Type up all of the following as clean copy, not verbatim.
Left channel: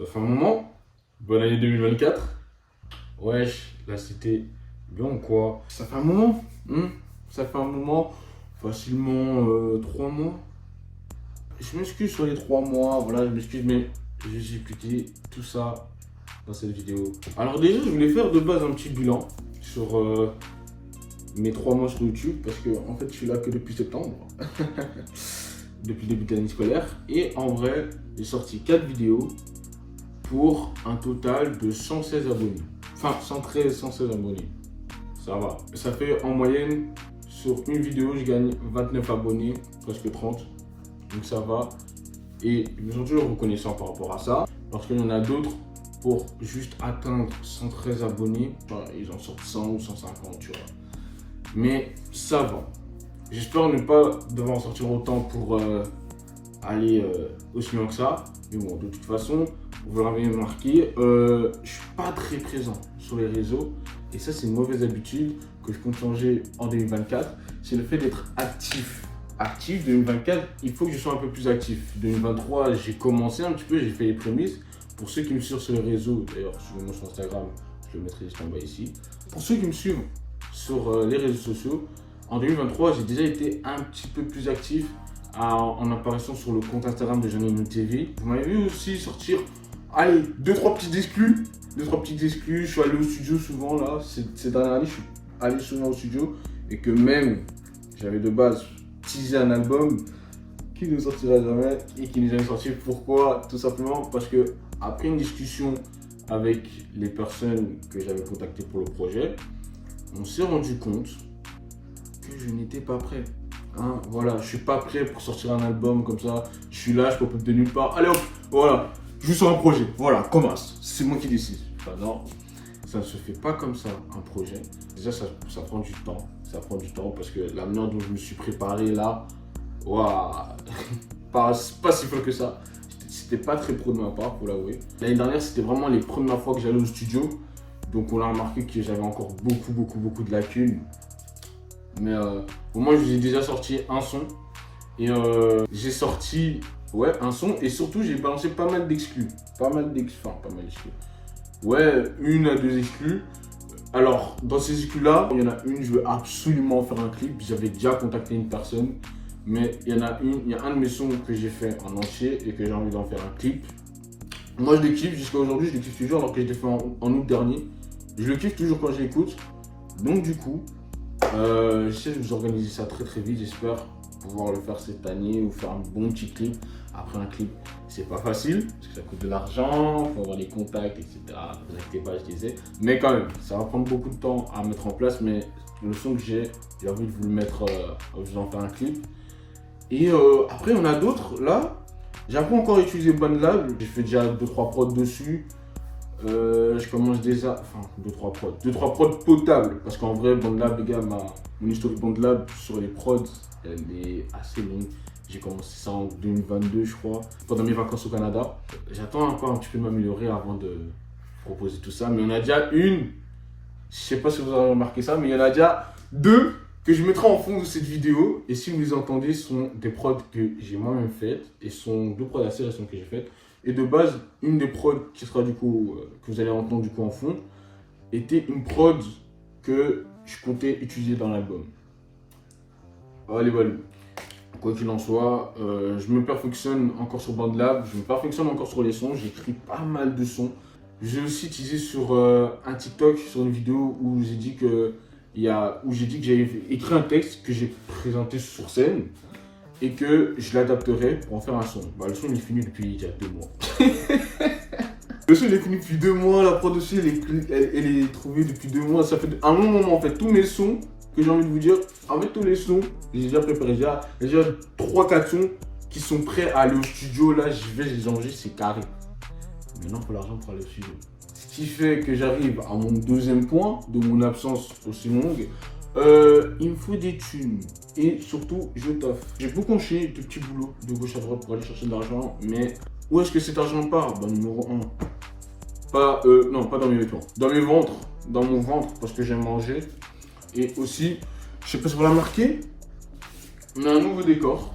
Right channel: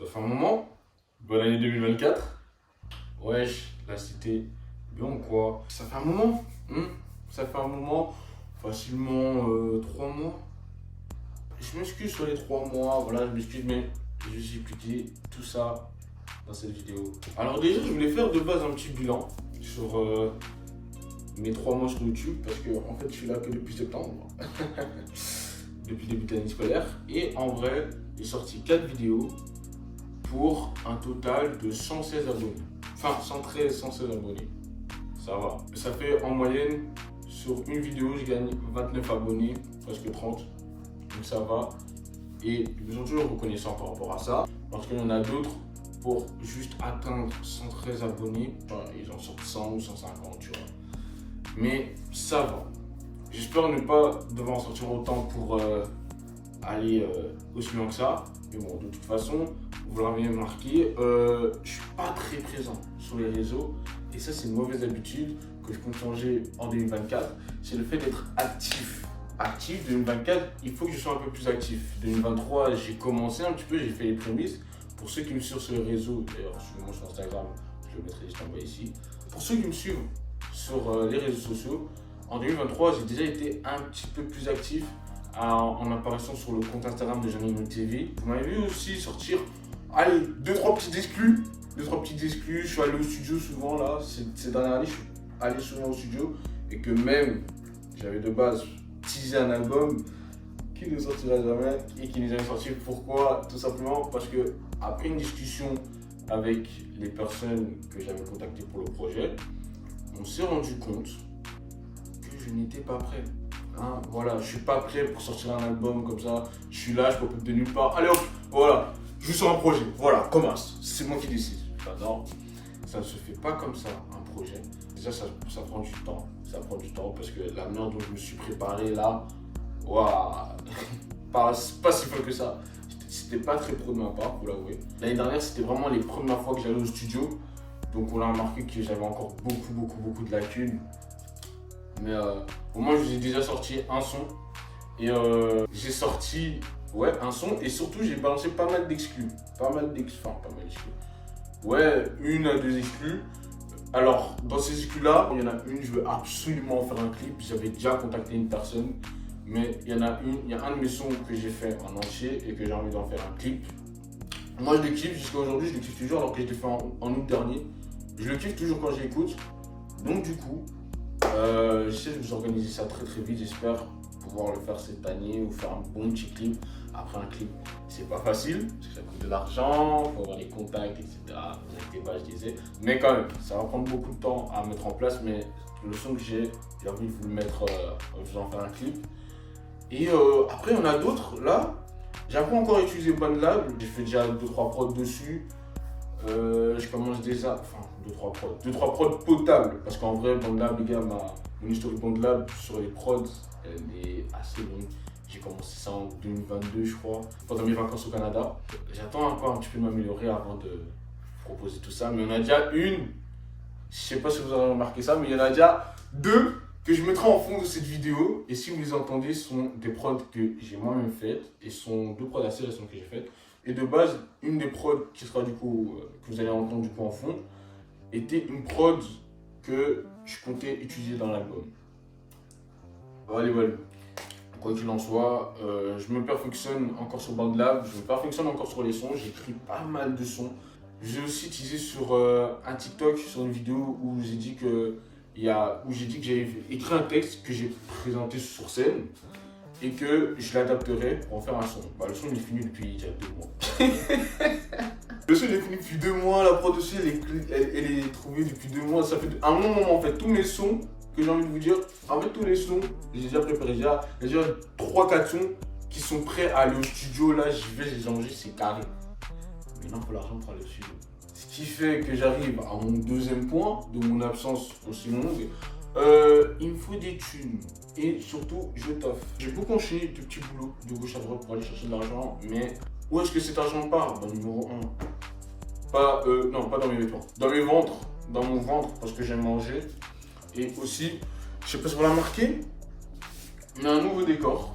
Ça fait un moment. Bonne année 2024. Wesh, là c'était bien ou quoi? Ça fait un moment. Ça fait un moment. Facilement 3 mois. Je m'excuse sur les 3 mois. Voilà, je m'excuse, mais je vais vous expliquer tout ça dans cette vidéo. Alors déjà, je voulais faire de base un petit bilan sur mes 3 mois sur YouTube. Parce que en fait, je suis là que depuis septembre. Depuis le début de l'année scolaire. Et en vrai, j'ai sorti 4 vidéos pour un total de 116 abonnés. Enfin, 113, 116 abonnés. Ça va. Ça fait en moyenne, sur une vidéo, je gagne 29 abonnés, presque 30. Donc ça va. Et je suis toujours reconnaissant par rapport à ça. Parce qu'il y en a d'autres, pour juste atteindre 113 abonnés, enfin, ils en sortent 100 ou 150, tu vois. Mais ça va. J'espère ne pas devoir en sortir autant pour aller aussi loin que ça. Mais bon, de toute façon, vous l'avez remarqué, je suis pas très présent sur les réseaux. Et ça, c'est une mauvaise habitude que je compte changer en 2024. C'est le fait d'être actif. Actif, 2024, il faut que je sois un peu plus actif. 2023, j'ai commencé un petit peu, j'ai fait les prémices. Pour ceux qui me suivent sur les réseaux, d'ailleurs, suivez-moi sur Instagram, je le mettrai juste en bas ici. Pour ceux qui me suivent sur les réseaux sociaux, en 2023, j'ai déjà été un petit peu plus actif en apparition sur le compte Instagram de Janine TV. Vous m'avez vu aussi sortir, allez, 2-3 petites exclus. 2-3 petites exclus. Je suis allé au studio souvent là, ces dernières années, je suis allé souvent au studio. Et que même, j'avais de base teasé un album qui ne sortira jamais et qui nous a sorti. Pourquoi? Tout simplement parce que après une discussion avec les personnes que j'avais contactées pour le projet, on s'est rendu compte que je n'étais pas prêt. Voilà, je suis pas prêt pour sortir un album comme ça. Je suis là, je peux de nulle part. Allez hop, voilà, je suis sur un projet. Voilà, commence. C'est moi qui décide. Enfin, non, ça ne se fait pas comme ça, un projet. Déjà, ça prend du temps. Ça prend du temps parce que la manière dont je me suis préparé là, waouh, pas si fort que ça. C'était pas très pro de ma part, pour l'avouer. L'année dernière, c'était vraiment les premières fois que j'allais au studio. Donc, on a remarqué que j'avais encore beaucoup de lacunes. Mais au moins, je vous ai déjà sorti un son. Et j'ai sorti un son. Et surtout, j'ai balancé pas mal d'exclus. Pas mal d'exclus. Ouais, 1 à 2 exclus. Alors, dans ces exclus-là, il y en a une, je veux absolument faire un clip. J'avais déjà contacté une personne. Mais il y a un de mes sons que j'ai fait en entier et que j'ai envie d'en faire un clip. Moi, je le kiffe jusqu'à aujourd'hui. Je le kiffe toujours alors qu'il a été fait en août dernier. Je le kiffe toujours quand je l'écoute. Donc, du coup, j'essaie de vous organiser ça très vite, j'espère pouvoir le faire cette année ou faire un bon petit clip. Après un clip, c'est pas facile, parce que ça coûte de l'argent, il faut avoir les contacts, etc. Vous inquiétez pas, je disais. Mais quand même, ça va prendre beaucoup de temps à mettre en place, mais le son que j'ai envie de vous le mettre, vous en faire un clip. Et après, on a d'autres, là, j'ai pas encore utilisé BandLab, j'ai fait déjà 2-3 prods dessus. Je commence déjà, enfin 2-3 prods potables, parce qu'en vrai BandLab, les gars, mon historique BandLab sur les prods, elle est assez longue. J'ai commencé ça en 2022 je crois, pendant mes vacances au Canada. J'attends encore un petit peu m'améliorer avant de proposer tout ça, mais on a déjà une, je sais pas si vous avez remarqué ça, mais il y en a déjà 2 que je mettrai en fond de cette vidéo. Et si vous les entendez, ce sont des prods que j'ai moi-même faites, et ce sont 2 prods assez récents que j'ai faites. Et de base, une des prods qui sera du coup, que vous allez entendre du coup en fond, était une prod que je comptais utiliser dans l'album. Allez, voilà. Quoi qu'il en soit, je me perfectionne encore sur BandLab, je me perfectionne encore sur les sons, j'écris pas mal de sons. J'ai aussi utilisé sur un TikTok, sur une vidéo où j'ai dit que j'avais écrit un texte que j'ai présenté sur scène et que je l'adapterai pour en faire un son. Le son il est fini depuis il y a 2 mois. Le son il est fini depuis 2 mois, la prod aussi elle est trouvée depuis 2 mois. Ça fait un long moment en fait, tous mes sons que j'ai envie de vous dire, en fait tous les sons, j'ai déjà préparé, il y a déjà 3-4 sons qui sont prêts à aller au studio, là j'y vais, je les enregistre, c'est carré. Maintenant il faut l'argent pour aller au studio. Ce qui fait que j'arrive à mon deuxième point de mon absence aussi longue. Il me faut des thunes et surtout je taffe. J'ai beaucoup enchaîné de petits boulots de gauche à droite pour aller chercher de l'argent, mais où est-ce que cet argent part? Numéro 1. Non, pas dans mes vêtements, dans mon ventre parce que j'aime manger. Et aussi, je sais pas si vous l'avez remarqué, mais un nouveau décor.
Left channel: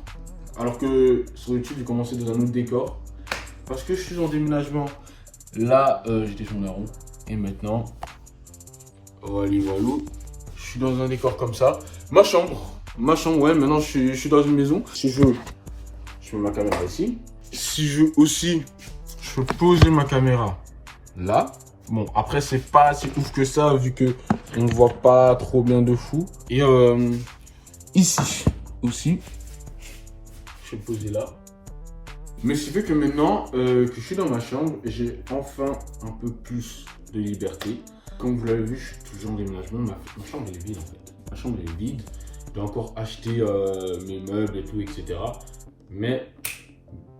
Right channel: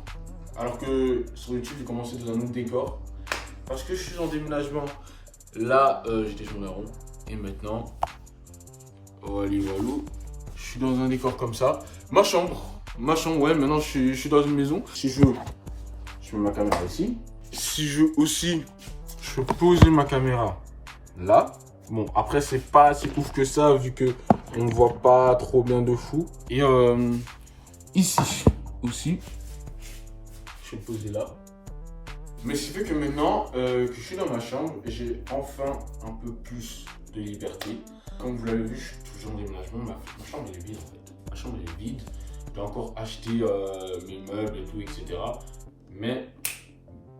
Alors que sur YouTube, j'ai commencé dans un autre décor. parce que je suis en déménagement. Là, j'étais sur Daron. Et maintenant, voilà, je suis dans un décor comme ça. Ma chambre, ouais, maintenant je suis dans une maison. Si je veux, je mets ma caméra ici. Si je veux aussi, je peux poser ma caméra là. Bon, après, c'est pas si ouf que ça, vu que on ne voit pas trop bien de fou. Et ici aussi, je vais le poser là. Mais ce qui fait que maintenant que je suis dans ma chambre, j'ai enfin un peu plus de liberté. Comme vous l'avez vu, je suis toujours en déménagement. Ma chambre est vide en fait. Ma chambre est vide. Je dois encore acheter mes meubles et tout, etc. Mais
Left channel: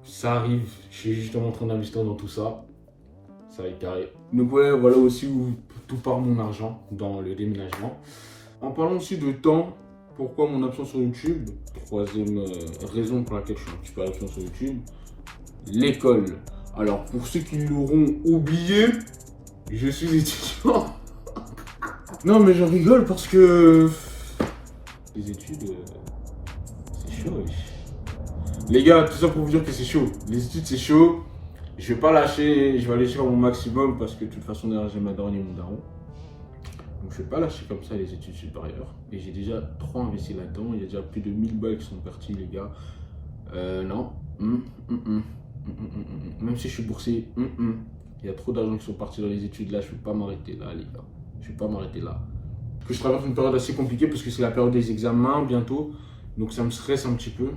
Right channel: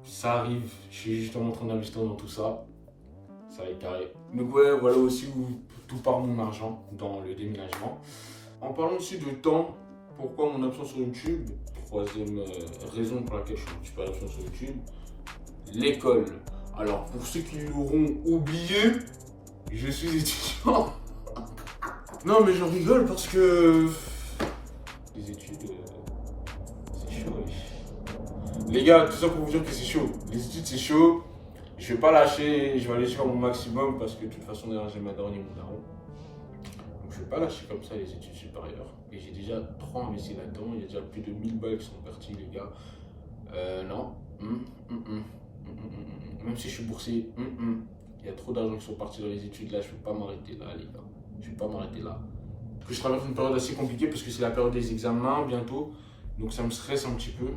ça arrive. Je suis justement en train d'investir dans tout ça. Ça va être carré. Donc ouais, voilà aussi où tout part mon argent dans le déménagement. En parlant aussi de temps, pourquoi mon absence sur YouTube? Troisième raison pour laquelle je suis un petit peu absent sur YouTube, l'école. Alors pour ceux qui l'auront oublié, je suis étudiant. Non mais je rigole parce que les études, c'est chaud. Les gars, tout ça pour vous dire que c'est chaud. Les études c'est chaud. Je vais pas lâcher, je vais aller sur mon maximum parce que de toute façon derrière j'ai ma daronne et mon daron. Donc je vais pas lâcher comme ça les études supérieures. Et j'ai déjà trop investi là-dedans, il y a déjà plus de 1000 balles qui sont partis les gars. Non. Même si je suis boursier, il y a trop d'argent qui sont partis dans les études là, je peux pas m'arrêter là les gars. Je vais pas m'arrêter là. Parce que je traverse une période assez compliquée parce que c'est la période des examens bientôt. Donc ça me stresse un petit peu.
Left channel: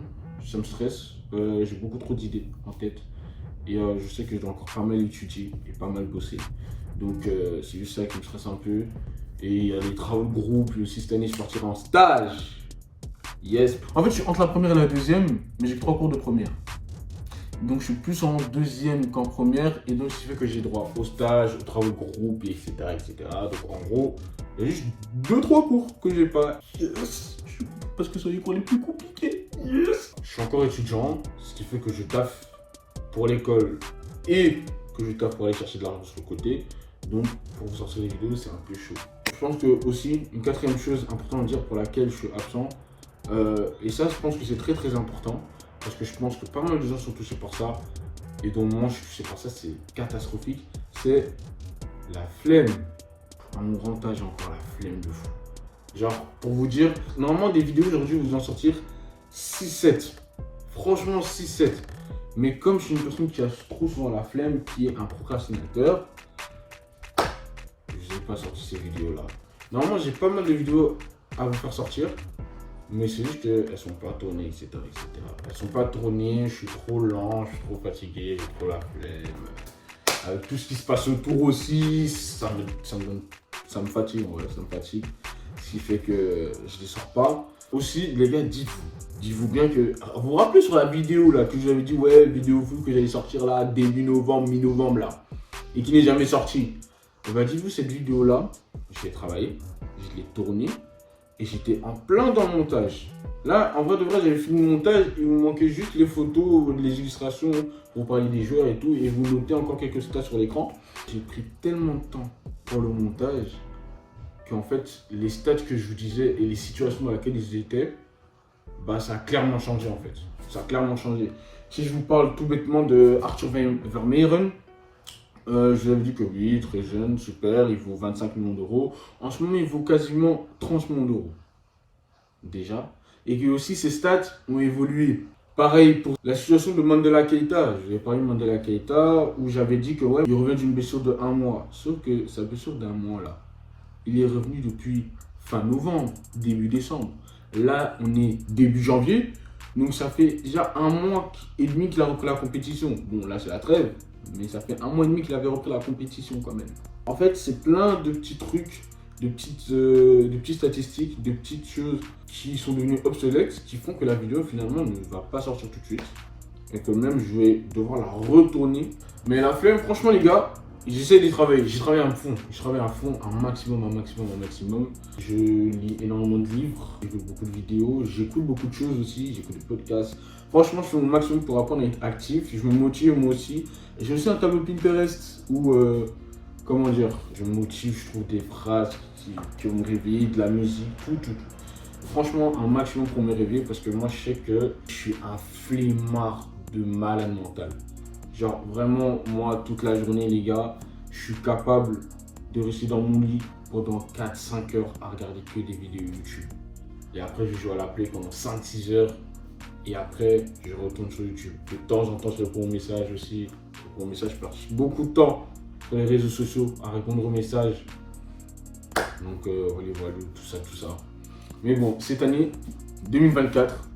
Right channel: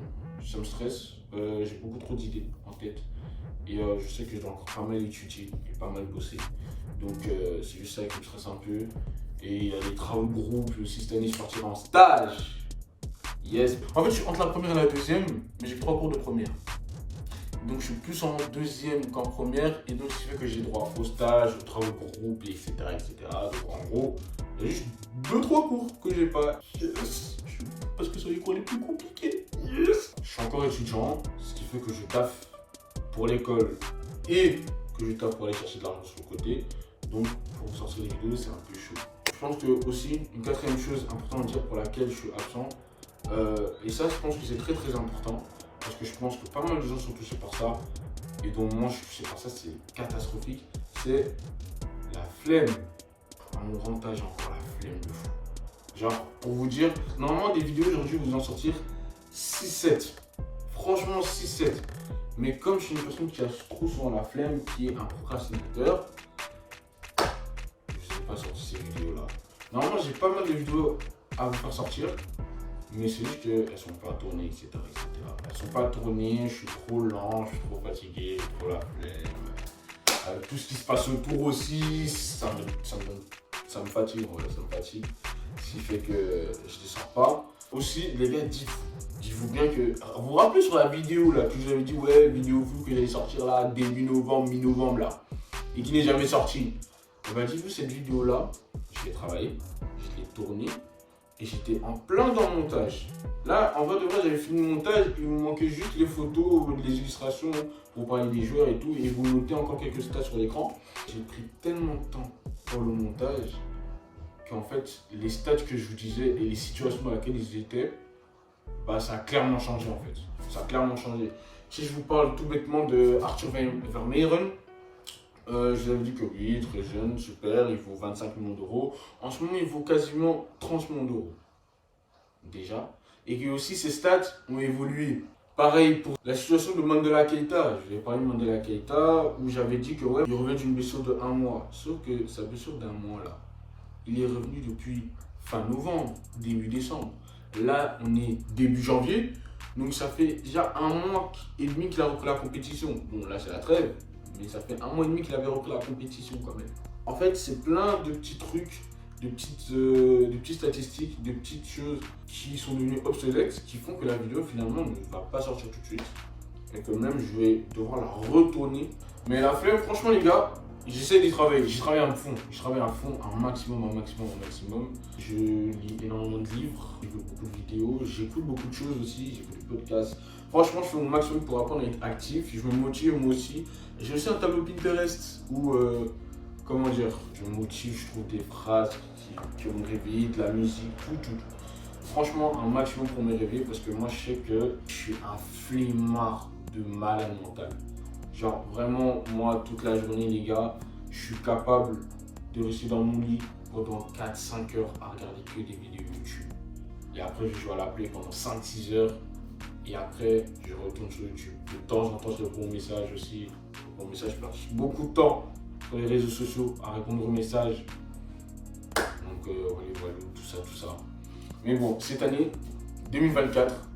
Ça me stresse. J'ai beaucoup trop d'idées en tête. Et je sais que je dois encore pas mal étudier et pas mal bosser. Donc c'est juste ça qui me stresse un peu. Et il y a les travaux de groupe. Et aussi cette année je partirai en stage. Yes. En fait je suis entre la première et la deuxième. Mais j'ai 3 cours de première. Donc je suis plus en deuxième qu'en première. Et donc ce qui fait que j'ai droit au stage, aux travaux de groupe, etc. Donc en gros, il y a juste 2-3 cours que j'ai pas. Yes. Parce que c'est les cours les plus compliqués. Yes. Je suis encore étudiant. Ce qui fait que je taffe pour l'école et que je taffe pour aller chercher de l'argent sur le côté. Donc pour vous sortir les vidéos c'est un peu chaud. Je pense que aussi une quatrième chose importante à dire pour laquelle je suis absent, et ça je pense que c'est très important parce que je pense que pas mal de gens sont touchés par ça et dont moi je suis touché par ça, c'est catastrophique, c'est la flemme. À mon grand âge, j'ai encore la flemme de fou. Genre pour vous dire, normalement des vidéos aujourd'hui vous en sortir 6-7, franchement 6-7. Mais comme je suis une personne qui a trop souvent la flemme, qui est un procrastinateur, je n'ai pas sorti ces vidéos-là. Normalement, j'ai pas mal de vidéos à vous faire sortir, mais c'est juste qu'elles ne sont pas tournées, etc., etc. Elles ne sont pas tournées, je suis trop lent, je suis trop fatigué, j'ai trop la flemme. Avec tout ce qui se passe autour aussi, ça me fatigue, voilà, ça me fatigue. Ce qui fait que je ne les sors pas. Aussi, les gars, dites-vous bien que. Vous vous rappelez sur la vidéo là, que je vous avais dit, ouais, vidéo vue que j'allais sortir là, début novembre, mi-novembre là, et qui n'est jamais sortie. Et bah, dites-vous, cette vidéo là, je l'ai travaillée, je l'ai tournée, et j'étais en plein dans le montage. Là, en vrai de vrai, j'avais fini le montage, il me manquait juste les photos, les illustrations pour parler des joueurs et tout, et vous notez encore quelques stats sur l'écran. J'ai pris tellement de temps pour le montage qu'en fait, les stats que je vous disais et les situations dans lesquelles ils étaient, bah ça a clairement changé en fait. Ça a clairement changé. Si je vous parle tout bêtement de Arthur Vermeeren, je vous avais dit que oui, très jeune, super, il vaut 25 millions d'euros. En ce moment, il vaut quasiment 30 millions d'euros. Déjà. Et que aussi ses stats ont évolué. Pareil pour la situation de Mandela Keita. Je vais parler de Mandela Keita où j'avais dit que ouais, il revient d'une blessure de 1 mois. Sauf que sa blessure d'1 mois là, il est revenu depuis fin novembre, début décembre. Là, on est début janvier. Donc, ça fait déjà 1 mois et demi qu'il a repris la compétition. Bon, là, c'est la trêve. Mais ça fait 1 mois et demi qu'il avait repris la compétition quand même. En fait, c'est plein de petits trucs, de petites statistiques, de petites choses qui sont devenues obsolètes, qui font que la vidéo, finalement, ne va pas sortir tout de suite. Et que même, je vais devoir la retourner. Mais la flemme, franchement, les gars, j'essaie d'y travailler, j'y travaille à fond, un maximum. Je lis énormément de livres, j'écoute beaucoup de vidéos, j'écoute beaucoup de choses aussi, j'écoute des podcasts. Franchement, je fais mon maximum pour apprendre à être actif, je me motive moi aussi. J'ai aussi un tableau Pinterest où, comment dire, je me motive, je trouve des phrases qui vont me réveiller, de la musique, tout. Franchement, un maximum pour me réveiller parce que moi, je sais que je suis un flemmard de malade mental. Genre vraiment, moi, toute la journée, les gars, je suis capable de rester dans mon lit pendant 4-5 heures à regarder que des vidéos YouTube. Et après, je joue à la play pendant 5-6 heures. Et après, je retourne sur YouTube. De temps en temps, je réponds aux messages aussi. Je passe beaucoup de temps sur les réseaux sociaux à répondre aux messages. Donc, voilà, tout ça. Mais bon, cette année, 2024,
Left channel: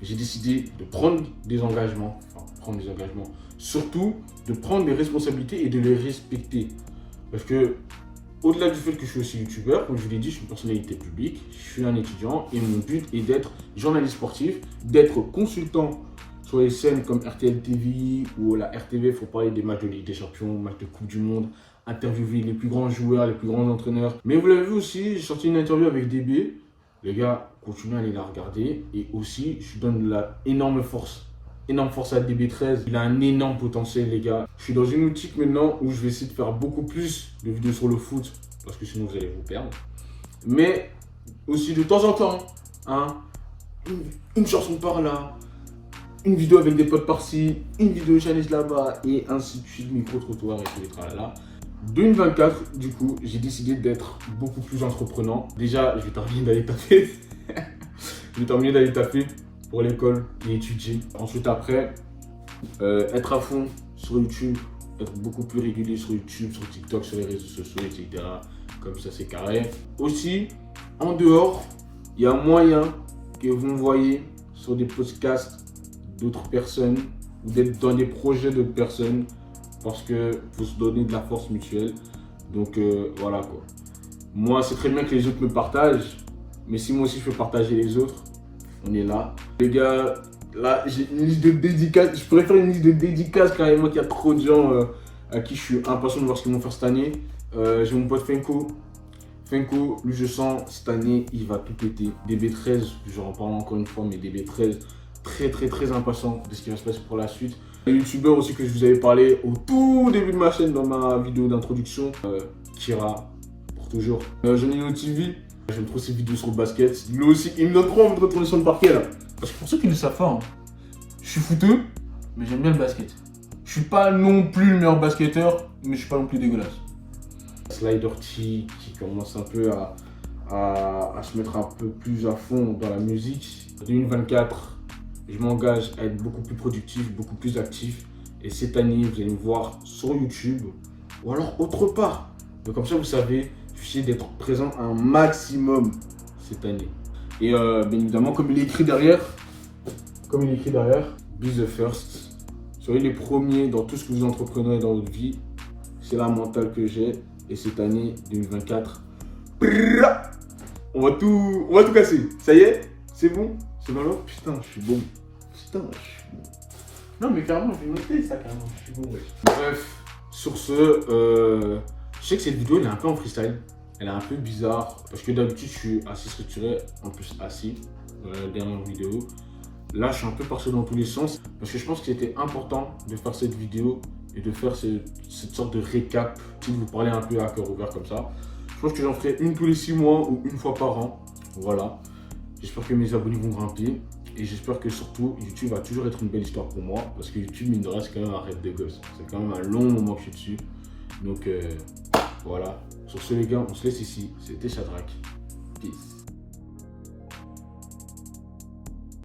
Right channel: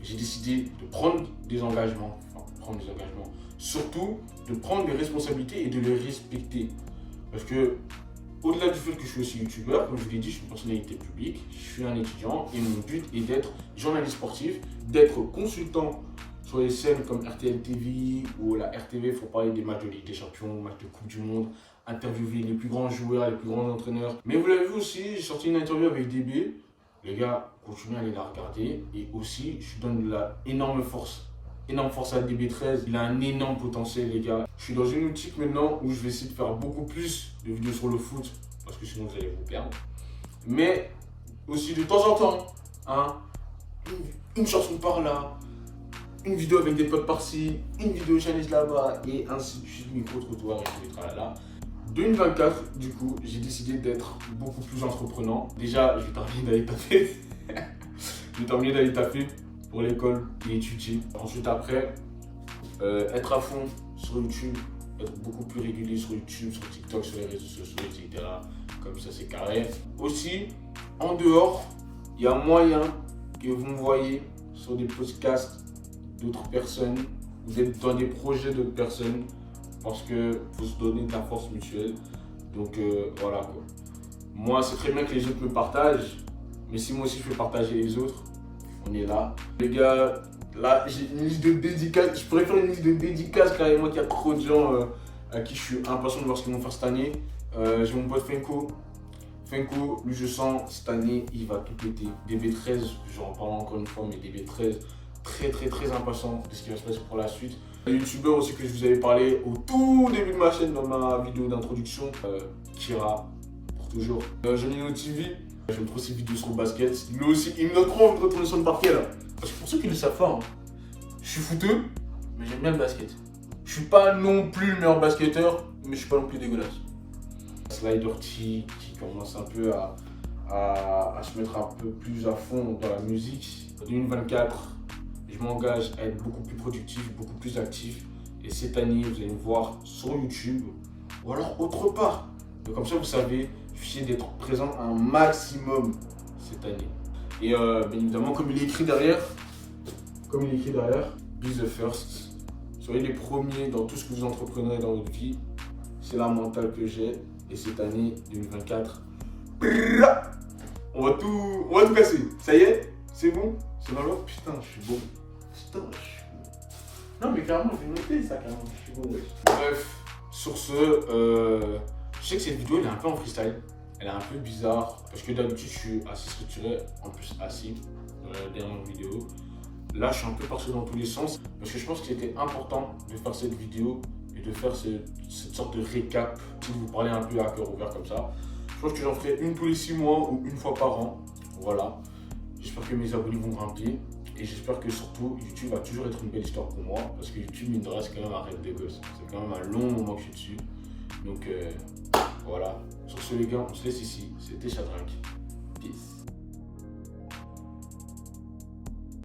j'ai décidé de prendre des engagements. Surtout, de prendre des responsabilités et de les respecter. Parce que, au-delà du fait que je suis aussi youtubeur, comme je vous l'ai dit, je suis une personnalité publique, je suis un étudiant et mon but est d'être journaliste sportif, d'être consultant sur les chaînes comme RTL TV ou la RTV pour parler des matchs de Ligue des Champions, matchs de Coupe du Monde, interviewer les plus grands joueurs, les plus grands entraîneurs. Mais vous l'avez vu aussi, j'ai sorti une interview avec DB. Les gars, continuez à aller la regarder. Et aussi, je donne de la énorme force à DB13. Il a un énorme potentiel, les gars. Je suis dans une optique maintenant où je vais essayer de faire beaucoup plus de vidéos sur le foot, parce que sinon vous allez vous perdre. Mais aussi de temps en temps, hein, une chanson par là, une vidéo avec des potes par-ci, une vidéo challenge là-bas, et ainsi de suite, micro-trottoir et tout les tralala. 2024, du coup, j'ai décidé d'être beaucoup plus entreprenant. Déjà, je vais terminer d'aller taper. Pour l'école et étudier. Ensuite, après, être à fond sur YouTube, être beaucoup plus régulier sur YouTube, sur TikTok, sur les réseaux sociaux, etc. Comme ça, c'est carré. Aussi, en dehors, il y a moyen que vous me voyez sur des podcasts d'autres personnes, ou d'être dans des projets d'autres personnes, parce que faut se donner de la force mutuelle. Donc, voilà quoi. Moi, c'est très bien que les autres me partagent, mais si moi aussi je peux partager les autres, on est là. Les gars, là, j'ai une liste de dédicaces. Je pourrais faire une liste de dédicaces carrément qu'il y a trop de gens à qui je suis impatient de voir ce qu'ils vont faire cette année. J'ai mon pote Fenko. Fenko, lui, je sens, cette année, il va tout péter. DB13, j'en parle encore une fois, mais DB13, très impatient de ce qui va se passer pour la suite. Les youtubeurs aussi que je vous avais parlé au tout début de ma chaîne dans ma vidéo d'introduction. Kira, pour toujours. Jonino TV. J'aime trop ses vidéos sur le basket. Lui aussi, il me donne trop envie de retourner sur le parquet là. Parce que pour ceux qui ne le savent pas, hein, je suis footeux, mais j'aime bien le basket. Je suis pas non plus le meilleur basketteur, mais je suis pas non plus dégueulasse. Slider T qui commence un peu à se mettre un peu plus à fond dans la musique. 2024, je m'engage à être beaucoup plus productif, beaucoup plus actif. Et cette année, vous allez me voir sur YouTube ou alors autre part. Donc comme ça, vous savez, je vais essayer d'être présent un maximum cette année. Et bien évidemment, comme il est écrit derrière, be the first. Soyez les premiers dans tout ce que vous entreprenez dans votre vie. C'est la mentale que j'ai. Et cette année 2024, on va tout casser. Ça y est, c'est bon. C'est dans l'ordre. Putain, je suis bon. Non mais carrément, je vais noter ça carrément. Je suis bon. Bref, sur ce, je sais que cette vidéo elle est un peu en freestyle. Elle est un peu bizarre parce que d'habitude je suis assez structuré, en plus assis dans la dernière vidéo. Là je suis un peu parti dans tous les sens parce que je pense que c'était important de faire cette vidéo et de faire cette sorte de récap qui vous parlait un peu à cœur ouvert comme ça. Je pense que j'en ferai une tous les 6 mois ou une fois par an. Voilà. J'espère que mes abonnés vont grimper et j'espère que surtout YouTube va toujours être une belle histoire pour moi parce que YouTube mine de rien c'est quand même un rêve de gosse. C'est quand même un long moment que je suis dessus. Donc voilà. Sur ce les gars, on se laisse ici. C'était Shadrach. Peace.